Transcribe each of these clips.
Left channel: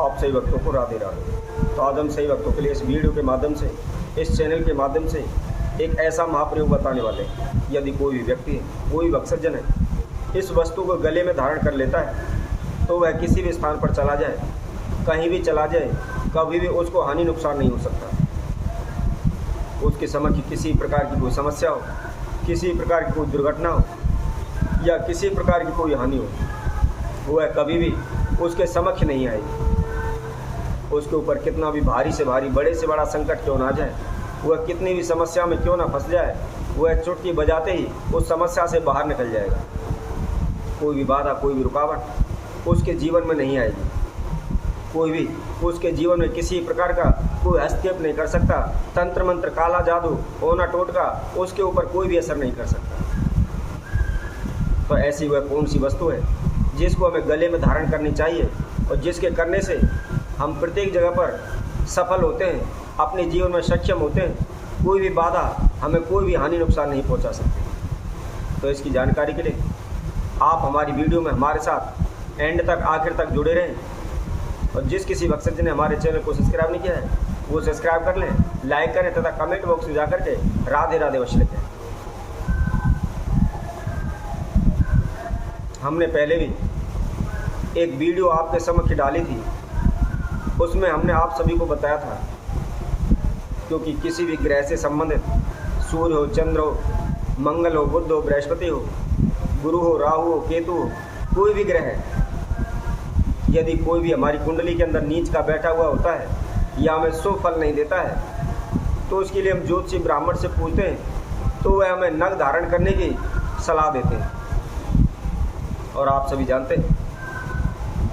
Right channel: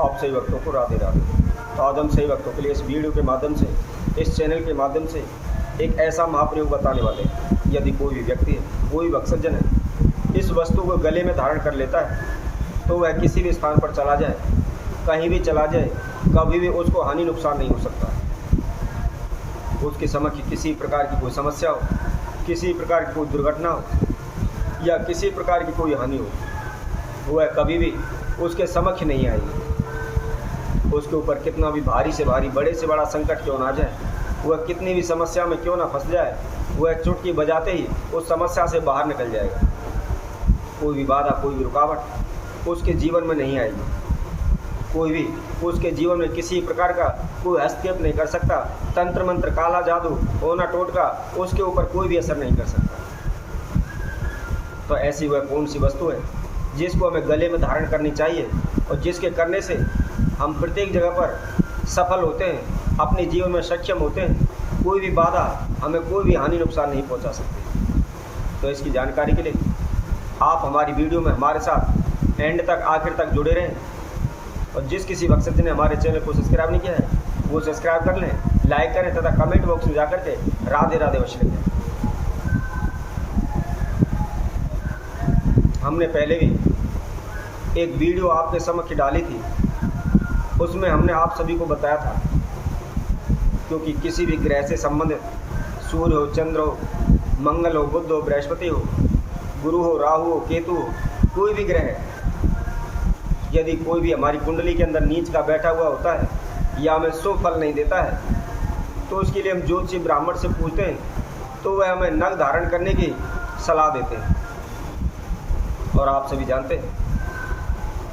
आप सही भक्तों को राधे राधे। तो आज हम सही भक्तों के लिए इस वीडियो के माध्यम से, इस चैनल के माध्यम से एक ऐसा महाप्रयोग बताने वाले हैं। यदि कोई भी व्यक्ति है, कोई भी भक्तजन है, इस वस्तु को गले में धारण कर लेता है तो वह किसी भी स्थान पर चला जाए, कहीं भी चला जाए, कभी भी उसको हानि नुकसान नहीं हो सकता। उसके समक्ष किसी प्रकार की कोई समस्या हो, किसी प्रकार की कोई दुर्घटना हो या किसी प्रकार की कोई हानि हो, वह कभी भी उसके समक्ष नहीं आएगी। उसके ऊपर कितना भी भारी से भारी, बड़े से बड़ा संकट क्यों ना जाए, वह कितनी भी समस्या में क्यों ना फंस जाए, वह चुटकी बजाते ही उस समस्या से बाहर निकल जाएगा। कोई भी बाधा, कोई भी रुकावट उसके जीवन में नहीं आएगी। कोई भी उसके जीवन में किसी प्रकार का कोई हस्तक्षेप नहीं कर सकता। तंत्र मंत्र, काला जादू, ओना टोटका उसके ऊपर कोई भी असर नहीं कर सकता। तो ऐसी वह कौन सी वस्तु है जिसको हमें गले में धारण करनी चाहिए और जिसके करने से हम प्रत्येक जगह पर सफल होते हैं, अपने जीवन में सक्षम होते हैं, कोई भी बाधा हमें कोई भी हानि नुकसान नहीं पहुंचा सकती। तो इसकी जानकारी के लिए आप हमारी वीडियो में हमारे साथ एंड तक, आखिर तक जुड़े रहें। और जिस किसी भक्तजन ने हमारे चैनल को सब्सक्राइब नहीं किया है वो सब्सक्राइब कर लें, लाइक करें तथा कमेंट बॉक्स में जाकर के राधे राधे अवश्य लिखें। हमने पहले भी एक वीडियो आपके समक्ष डाली थी, उसमें हमने आप सभी को बताया था क्योंकि किसी भी ग्रह से संबंधित, सूर्य हो, चंद्र हो, मंगल हो, बुध हो, बृहस्पति हो, गुरु हो, राहु हो, केतु हो, कोई भी ग्रह है, यदि कोई भी हमारी कुंडली के अंदर नीच का बैठा हुआ होता है या हमें शुभ फल नहीं देता है तो उसके लिए हम ज्योतिषी ब्राह्मण से पूछते हैं तो वह हमें नग धारण करने की सलाह देते हैं। और आप सभी जानते हैं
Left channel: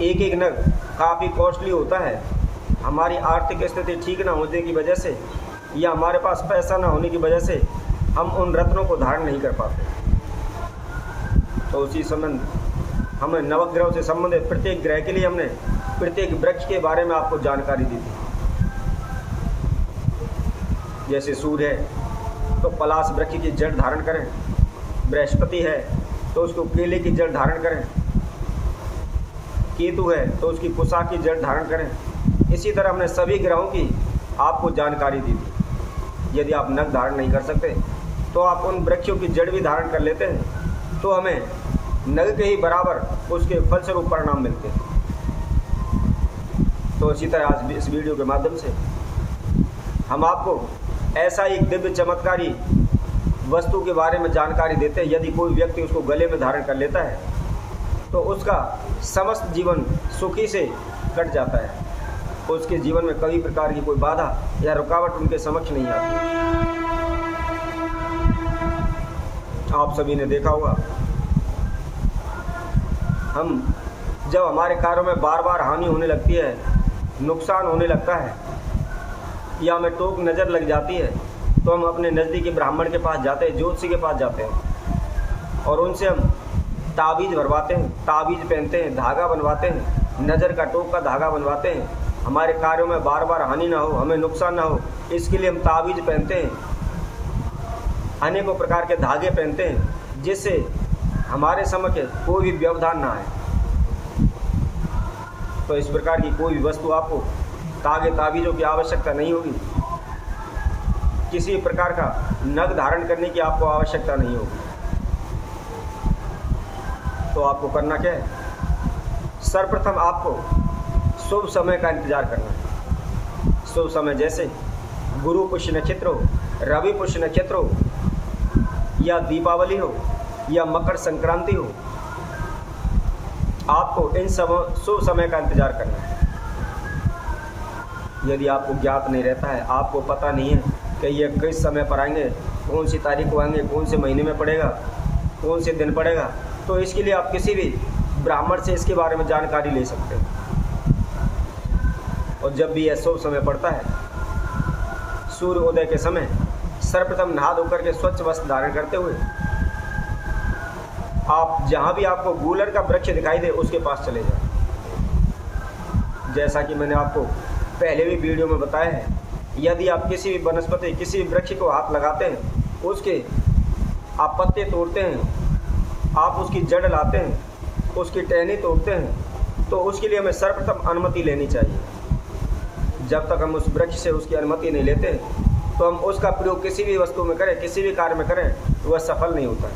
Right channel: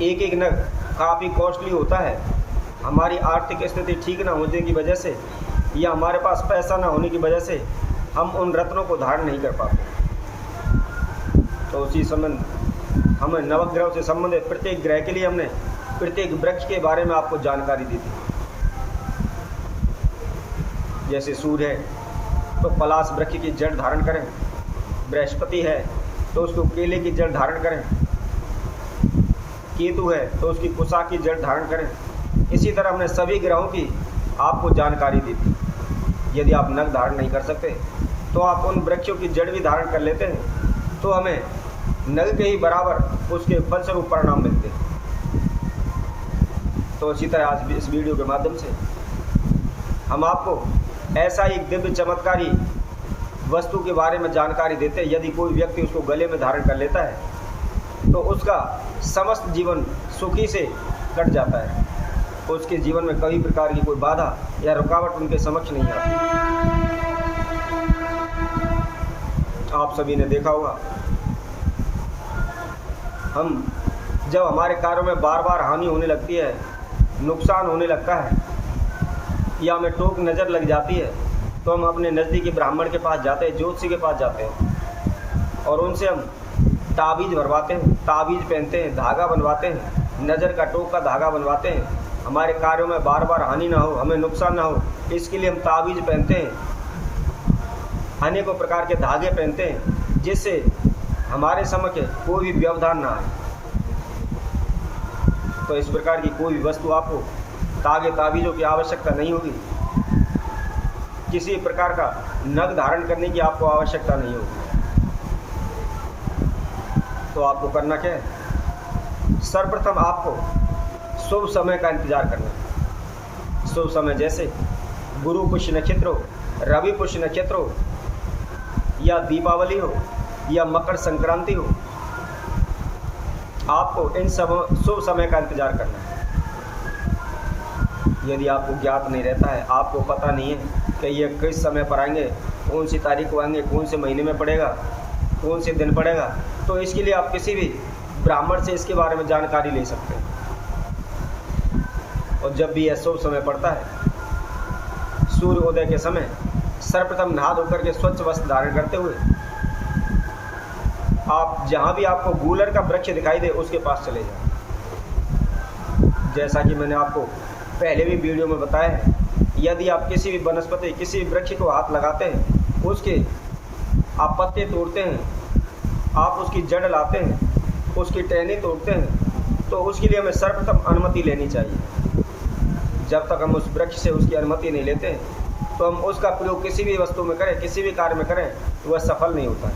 एक एक नग काफ़ी कॉस्टली होता है। हमारी आर्थिक स्थिति ठीक ना होने की वजह से या हमारे पास पैसा ना होने की वजह से हम उन रत्नों को धारण नहीं कर पाते। तो उसी संबंध हमें नवग्रह से संबंधित प्रत्येक ग्रह के लिए हमने प्रत्येक वृक्ष के बारे में आपको जानकारी दी थी। जैसे सूर्य है तो पलाश वृक्ष की जड़ धारण करें, बृहस्पति है तो उसको केले की जड़ धारण करें, केतु है तो उसकी कुसा की जड़ धारण करें। इसी तरह हमने सभी ग्रहों की आपको जानकारी दी थी। यदि आप नग धारण नहीं कर सकते तो आप उन वृक्षों की जड़ भी धारण कर लेते हैं तो हमें नग के ही बराबर उसके फलस्वरूप परिणाम मिलते हैं। तो इसी तरह आज इस वीडियो के माध्यम से हम आपको ऐसा ही दिव्य चमत्कारी वस्तु के बारे में जानकारी देते हैं। यदि कोई व्यक्ति उसको गले में धारण कर लेता है तो उसका समस्त जीवन सुखी से कट जाता है। उसके जीवन में कई प्रकार की कोई बाधा या रुकावट उनके समक्ष नहीं आती। आप सभी ने देखा होगा, हम जब हमारे कार्यों में बार बार हानि होने लगती है, नुकसान होने लगता है या हमें टोक नज़र लग जाती है तो हम अपने नज़दीकी ब्राह्मण के पास जाते हैं, ज्योतिषी के पास जाते हैं और उनसे हम ताबीज़ भरवाते हैं, ताबीज़ पहनते हैं, धागा बनवाते हैं, नज़र का टोक का धागा बनवाते हैं। हमारे कार्यों में बार बार हानि ना हो, हमें नुकसान ना हो, इसके लिए हम ताबीज़ पहनते हैं, अनेकों प्रकार के धागे पहनते हैं जिससे हमारे समक्ष कोई भी व्यवधान ना आए। तो इस प्रकार की कोई भी वस्तु आपको तागे ताबीज़ों की आवश्यकता नहीं होगी। किसी प्रकार का नग धारण करने की आपको आवश्यकता नहीं होगी। तो आपको करना क्या है, सर्वप्रथम आपको शुभ समय का इंतजार करना है। शुभ समय जैसे गुरु पुष्य नक्षत्र हो, रवि पुष्य नक्षत्र हो या दीपावली हो या मकर संक्रांति हो, आपको इन सब शुभ समय का इंतजार करना है। यदि आपको ज्ञात नहीं रहता है, आपको पता नहीं है कि ये किस समय पर आएंगे, कौन सी तारीख को आएंगे, कौन से महीने में पड़ेगा, कौन से दिन पड़ेगा, तो इसके लिए आप किसी भी ब्राह्मण से इसके बारे में जानकारी ले सकते हैं। और जब भी यह शुभ समय पड़ता है, सूर्योदय के समय सर्वप्रथम नहा धोकर के स्वच्छ वस्त्र धारण करते हुए आप जहाँ भी आपको गूलर का वृक्ष दिखाई दे उसके पास चले जाएं। जैसा कि मैंने आपको पहले भी वीडियो में बताया है, यदि आप किसी भी वनस्पति, किसी भी वृक्ष को हाथ लगाते हैं, उसके आप पत्ते तोड़ते हैं, आप उसकी जड़ लाते हैं, उसकी टहनी तोड़ते हैं, तो उसके लिए हमें सर्वप्रथम अनुमति लेनी चाहिए। जब तक हम उस वृक्ष से उसकी अनुमति नहीं लेते तो हम उसका प्रयोग किसी भी वस्तु में करें, किसी भी कार्य में करें, तो वह सफल नहीं होता है।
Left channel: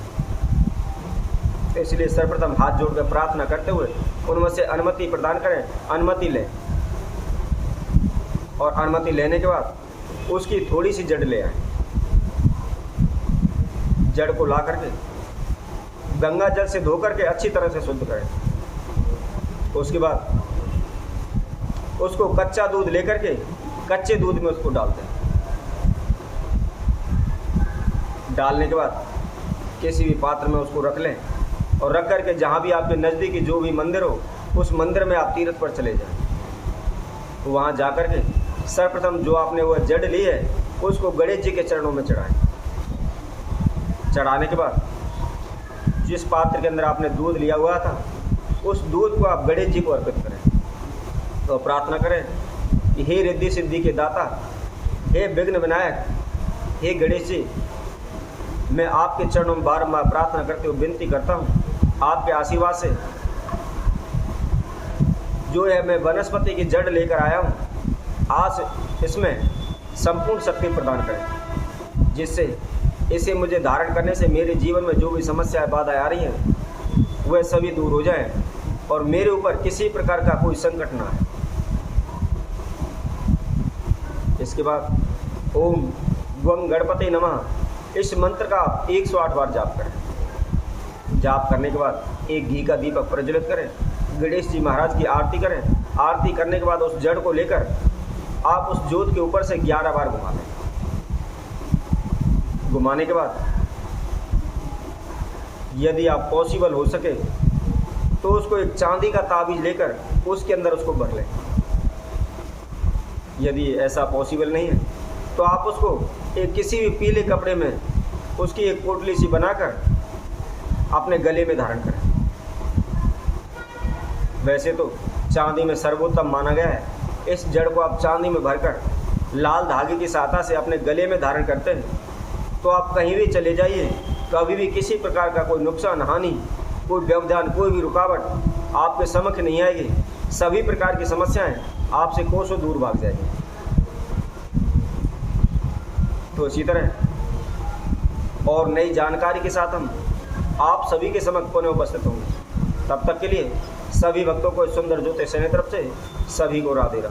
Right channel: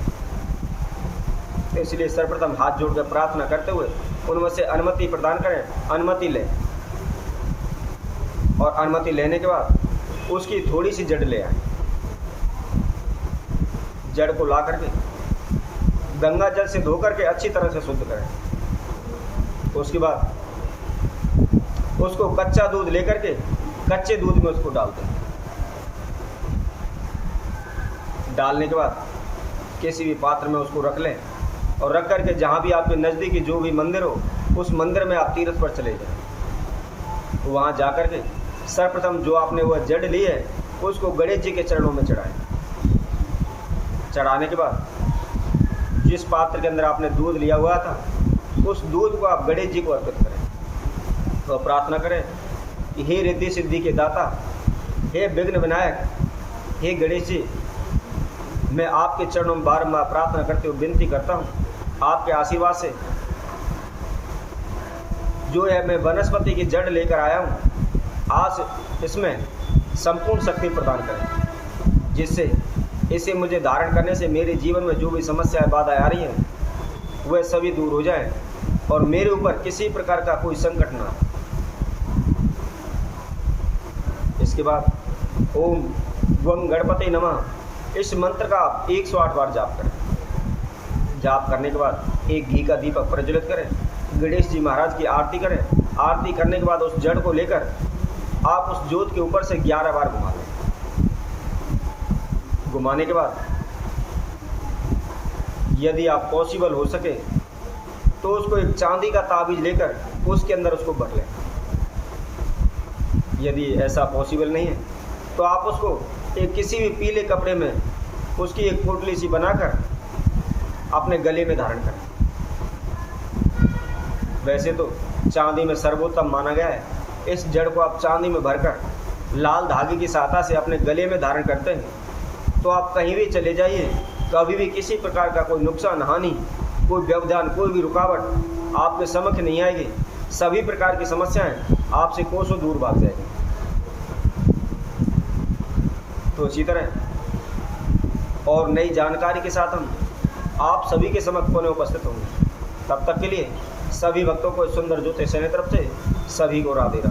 तो इसलिए सर्वप्रथम हाथ जोड़कर प्रार्थना करते हुए उनमें से अनुमति प्रदान करें, अनुमति लें, और अनुमति लेने के बाद उसकी थोड़ी सी जड़ ले आए। जड़ को ला करके गंगा जल से धो करके अच्छी तरह से शुद्ध करें। उसके बाद उसको कच्चा दूध लेकर के कच्चे दूध में उसको डालते हैं। डालने के बाद किसी भी पात्र में उसको रख लें और रख करके जहाँ भी आपके नज़दीकी जो भी मंदिर हो उस मंदिर में आप तीर्थ पर चले जाएं। तो वहाँ जा कर के सर्वप्रथम जो आपने वह जड़ ली है उसको गणेश जी के चरणों में चढ़ाएं। चढ़ाने के बाद जिस पात्र के अंदर आपने दूध लिया हुआ था उस दूध को आप गणेश जी को अर्पित करें। तो प्रार्थना करें कि हे रिद्धि सिद्धि के दाता, हे विघ्न विनायक, हे गणेश जी, मैं आपके चरणों में बारंबार प्रार्थना करते हुए विनती करता हूँ, आपके आशीर्वाद से जो है मैं वनस्पति की जड़ लेकर आया हूँ, आज इसमें संपूर्ण शक्ति प्रदान करें, जिससे इसे मुझे धारण करने से मेरे जीवन में जो भी समस्याएं बाधाएं आ रही हैं वह सभी दूर हो जाएं और मेरे ऊपर किसी प्रकार का कोई संकट ना आए। इसके बाद ओम गं गणपते नमः इस मंत्र का आप 108 बार जाप करें। जाप करने के बाद एक घी का दीपक प्रज्वलित करें, गणेश जी महाराज की आरती करें। आरती करने के बाद उस जड़ को लेकर आप उस ज्योत के ऊपर से 11 बार घुमा लें। घुमाने के बाद यदि आप पॉसिबल हो सके तो उसको एक चांदी का ताबीज लेकर उसके अंदर उसको भर लें। यदि ऐसा पॉसिबल नहीं है तो आप उसको एक किसी भी पीले कपड़े में उसकी एक पोटली सी बनाकर अपने गले में धारण करें। वैसे तो चांदी में सर्वोत्तम माना गया है। इस जड़ को आप चांदी में भरकर लाल धागे की सहायता से अपने गले में धारण करते हैं तो आप कहीं भी चले जाइए, कभी भी किसी प्रकार का कोई नुकसान, हानि, कोई व्यवधान, कोई भी रुकावट आपके समक्ष नहीं आएगी। सभी प्रकार की समस्याएं आपसे कोसों दूर भाग जाएगी। तो इसी तरह और नई जानकारी के साथ हम आप सभी के समक्ष पुनः उपस्थित होंगे। तब तक के लिए सभी भक्तों को सुंदर ज्योति सेना तरफ से सभी को राधे राधे।